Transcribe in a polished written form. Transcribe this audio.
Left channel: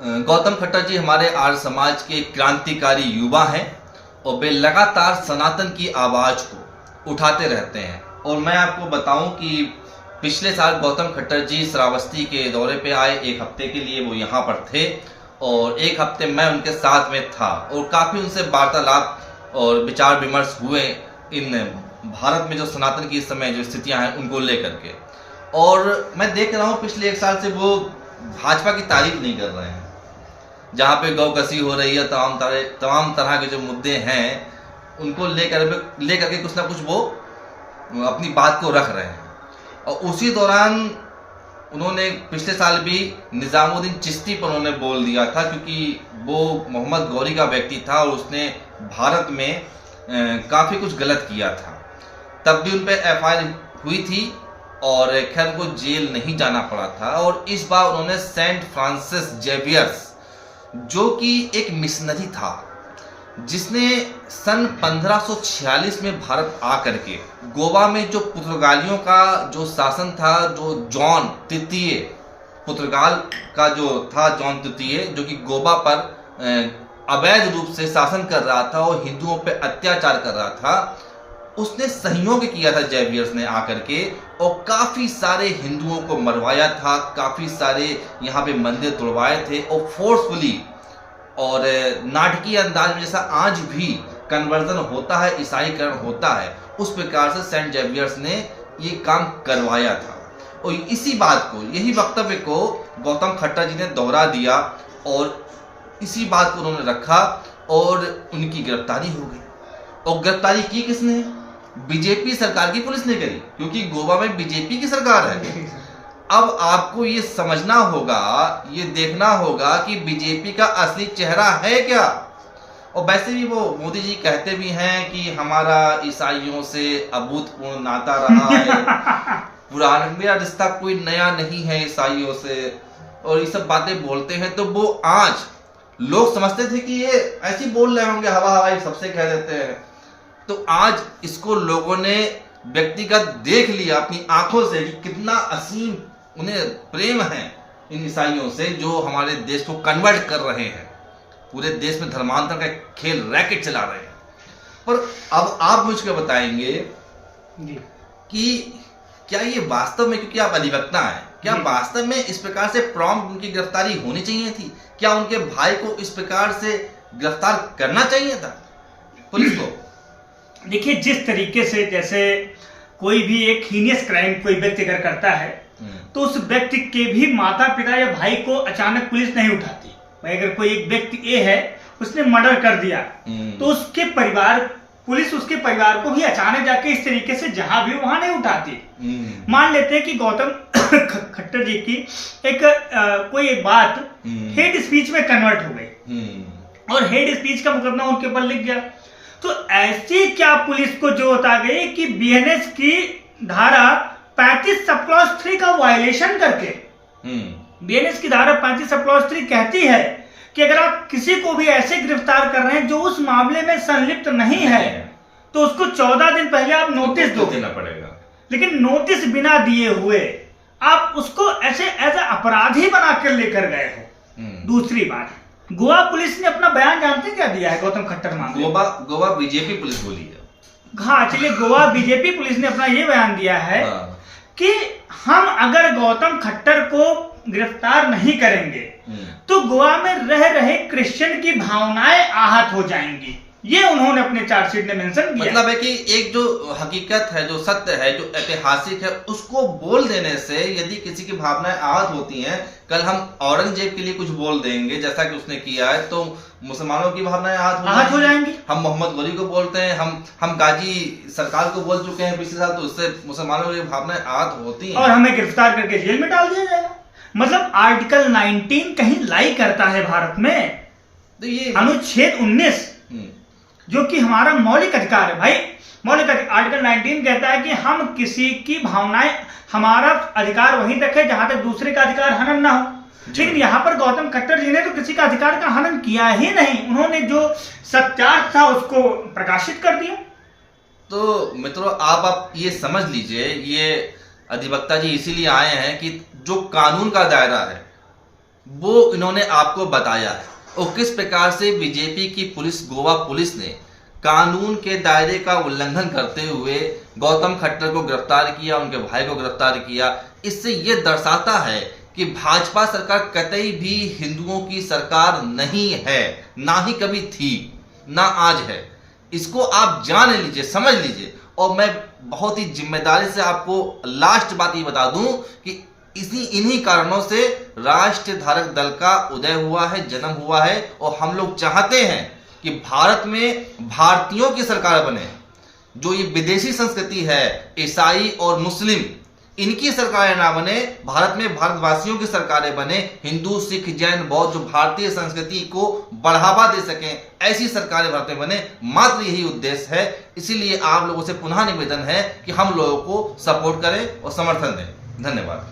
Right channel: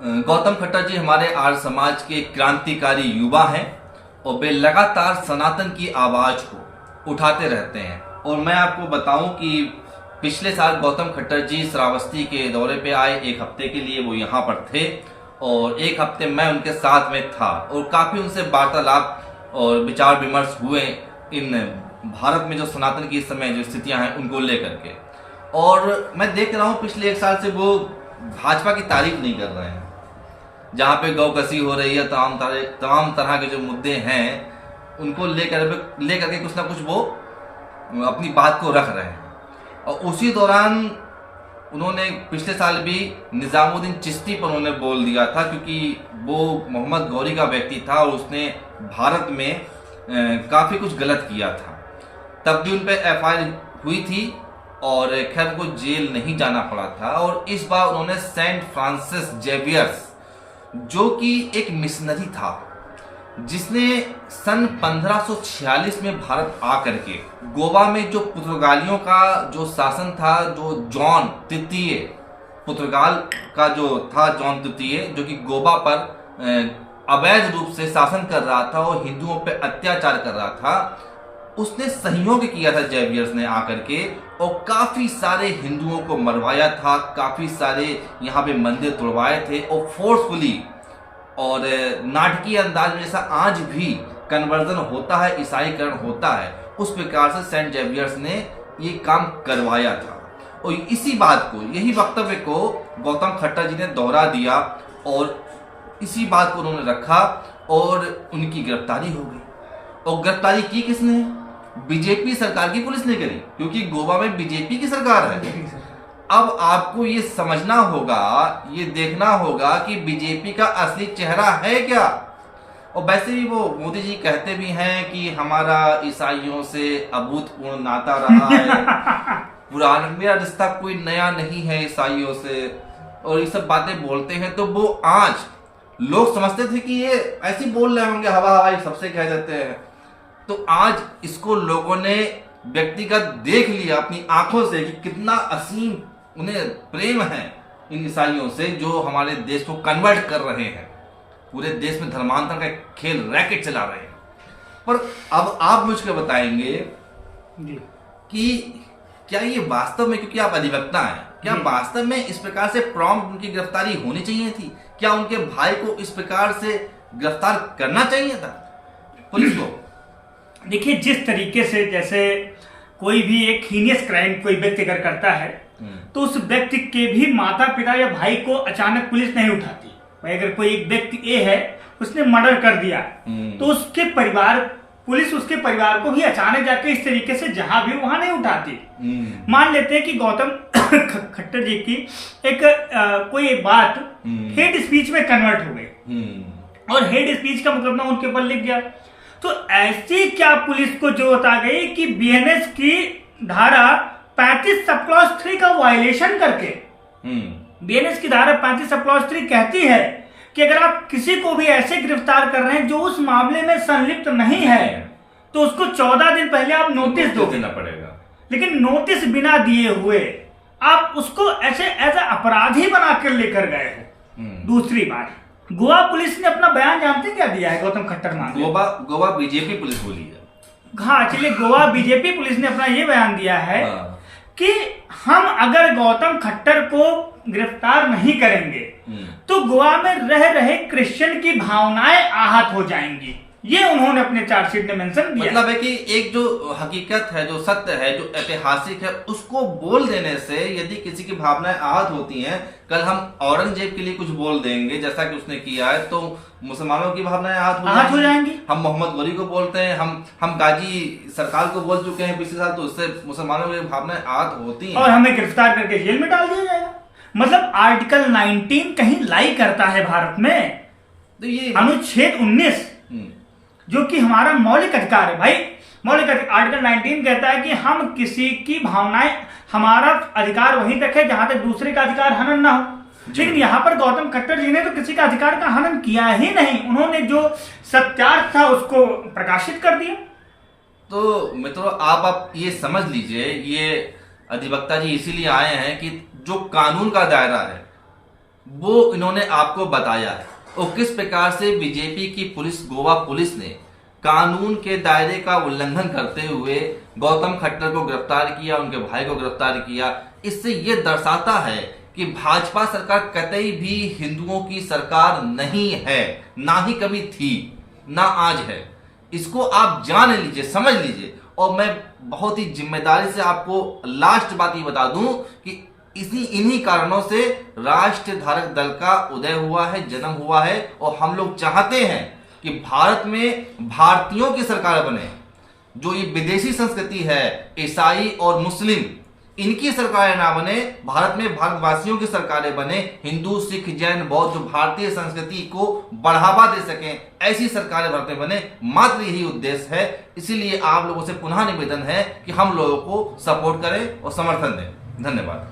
गौतम खट्टर जी हमारे आर्य समाज के क्रांतिकारी युवा हैं और वे लगातार सनातन की आवाज़ को उठाते रहते हैं। और मैं आपको बताऊं कि पिछले साल गौतम खट्टर जी श्रावस्ती के दौरे पे आए, एक हफ्ते के लिए वो यहाँ पर थे और एक हफ्ते मैं उनके साथ में था और काफ़ी उनसे वार्तालाप और विचार विमर्श हुए इन भारत में जो सनातन की इस समय जो स्थितियाँ हैं उनको लेकर के। और मैं देख रहा हूँ पिछले एक साल से वो भाजपा की तारीफ नहीं कर रहे हैं। जहाँ पे गौ कसी हो रही है, तमाम तरह के जो मुद्दे हैं उनको लेकर के कुछ ना कुछ वो अपनी बात को रख रहे हैं। और उसी दौरान उन्होंने पिछले साल भी निजामुद्दीन चिश्ती पर उन्होंने बोल दिया था, क्योंकि वो मोहम्मद गौरी का व्यक्ति था और उसने भारत में काफ़ी कुछ गलत किया था। तब भी उन पर FIR हुई थी और खैर को जेल नहीं जाना पड़ा था। और इस बार उन्होंने सेंट फ्रांसिस जेवियर्स, जो कि एक मिशनरी था जिसने सन 1546 में भारत आकर के गोवा में जो पुर्तगालियों का जो शासन था, जो जॉन तृतीय पुर्तगाल का जो था, जॉन तृतीय जो कि गोवा पर अवैध रूप से शासन कर रहा था और हिंदुओं पर अत्याचार कर रहा था, उसने सहयोग किया था जेवियर्स ने आकर के और काफ़ी सारे हिंदुओं को मरवाया था, काफ़ी सारे यहाँ पे मंदिर तोड़वाए थे और फोर्सफुली और नाटकीय अंदाज में जैसा आज भी कन्वर्जन होता है, ईसाईकरण होता है, उस प्रकार से सेंट जेवियर्स ने ये काम करवाया था। और इसी बात को, यही वक्तव्य को गौतम खट्टर जी ने दोहरा दिया और इसी बात को उन्होंने रखा और उनकी गिरफ्तारी हो गई। और गिरफ्तारी की किसने? बीजेपी सरकार की पुलिस ने करी, क्योंकि गोवा में बीजेपी की सरकार है। अब आपको ये समझना होगा, ये देखना होगा कि बीजेपी का असली चेहरा है क्या। और वैसे भी वो मोदी जी कहते भी हैं कि हमारा ईसाइयों से अभूतपूर्व नाता रहा है, पुराना मेरा रिश्ता कोई नया नहीं है ईसाइयों से, और ये सब बातें बोलते हैं। तो वो आज लोग समझते थे कि ये ऐसे बोल रहे होंगे, हवा हवाई सबसे कह देते हैं, तो आज इसको लोगों ने व्यक्तिगत देख लिया अपनी आंखों से कि कितना असीम उन्हें प्रेम है इन ईसाइयों से, जो हमारे देश को कन्वर्ट कर रहे हैं, पूरे देश में धर्मांतर का खेल रैकेट चला रहे हैं। पर अब आप मुझको बताएंगे कि क्या ये वास्तव में, क्योंकि आप अधिवक्ता हैं, क्या वास्तव में इस प्रकार से प्रॉम्प्ट उनकी गिरफ्तारी होनी चाहिए थी? क्या उनके भाई को इस प्रकार से गिरफ्तार करना चाहिए था पुलिस को? देखिए, जिस तरीके से जैसे कोई भी एक हीनियस क्राइम कोई व्यक्ति अगर करता है तो उस व्यक्ति के भी माता पिता या भाई को अचानक पुलिस नहीं उठाती। भाई अगर कोई एक व्यक्ति ए है, उसने मर्डर कर दिया, तो उसके परिवार, पुलिस उसके परिवार को भी अचानक जाके इस तरीके से जहां भी वहां नहीं उठाती। मान लेते हैं कि गौतम खट्टर जी की कोई एक बात हेट स्पीच में कन्वर्ट हो गई और हेट स्पीच का मुकदमा उनके ऊपर लिख गया, तो ऐसी क्या पुलिस को जो बता गई कि BNS की धारा 35 सब क्लॉज 3 का वायलेशन करके, BNS की धारा 35 सब क्लॉज 3 कहती है कि अगर आप किसी को भी ऐसे गिरफ्तार कर रहे हैं जो उस मामले में संलिप्त नहीं है, तो उसको 14 दिन पहले आप नोटिस देना पड़ेगा। लेकिन नोटिस बिना दिए हुए आप उसको ऐसे एज ए अपराधी बनाकर लेकर गए हो। दूसरी बात, गोवा पुलिस ने अपना बयान जानते हैं क्या दिया है गौतम खट्टर मामले? गोवा बीजेपी पुलिस बोली है। हाँ, चलिए, गोवा बीजेपी पुलिस ने अपना ये बयान दिया है कि हम अगर गौतम खट्टर को गिरफ्तार नहीं करेंगे तो गोवा में रह रहे क्रिश्चियन की भावनाएं आहत हो जाएंगी। ये उन्होंने अपने चार्जशीट में मेंशन किया। मतलब है कि एक जो हकीकत है, जो सत्य है, जो ऐतिहासिक है, उसको बोल देने से यदि किसी की भावनाएं आहत होती हैं, कल हम औरंगजेब के लिए कुछ बोल देंगे जैसा कि उसने किया है, तो मुसलमानों की भावनाएं आहत हो जाएंगी। हम मोहम्मद गौरी को बोलते हैं, हम गाजी सरकार को बोल चुके हैं पिछले साल, तो उससे मुसलमानों की भावनाएं आहत होती हैं और हमें गिरफ्तार करके जेल में डाल दिया जाएगा। मतलब आर्टिकल 19 कहीं लाई करता है भारत में। तो ये अनुच्छेद 19 जो कि हमारा मौलिक अधिकार है, भाई मौलिक आर्टिकल 19 कहता है कि हम किसी की भावनाएं, हमारा अधिकार वहीं तक है जहां तक दूसरे का अधिकार हनन ना हो। लेकिन यहाँ पर गौतम खट्टर जी ने तो किसी का अधिकार का हनन किया ही नहीं, उन्होंने जो सत्यार्थ था उसको प्रकाशित कर दिया। तो मित्रों, आप ये समझ लीजिए, ये अधिवक्ता जी इसीलिए आए हैं कि जो कानून का दायरा है वो इन्होंने आपको बताया है, और किस प्रकार से बीजेपी की पुलिस, गोवा पुलिस ने कानून के दायरे का उल्लंघन करते हुए गौतम खट्टर को गिरफ्तार किया, उनके भाई को गिरफ्तार किया। इससे यह दर्शाता है कि भाजपा सरकार कतई भी हिंदुओं की सरकार नहीं है, ना ही कभी थी, ना आज है। इसको आप जान लीजिए, समझ लीजिए। और मैं बहुत ही जिम्मेदारी से आपको लास्ट बात ये बता दूं कि इन्हीं कारणों से राष्ट्र धारक दल का उदय हुआ है, जन्म हुआ है, और हम लोग चाहते हैं कि भारत में भारतीयों की सरकार बने। जो ये विदेशी संस्कृति है, ईसाई और मुस्लिम, इनकी सरकारें ना बने, भारत में भारतवासियों की सरकारें बने। हिंदू, सिख, जैन, बौद्ध जो भारतीय संस्कृति को बढ़ावा दे सकें, ऐसी सरकारें भारत में बने, मात्र यही उद्देश्य है। इसीलिए आप लोगों से पुनः निवेदन है कि हम लोगों को सपोर्ट करें और समर्थन दें। धन्यवाद।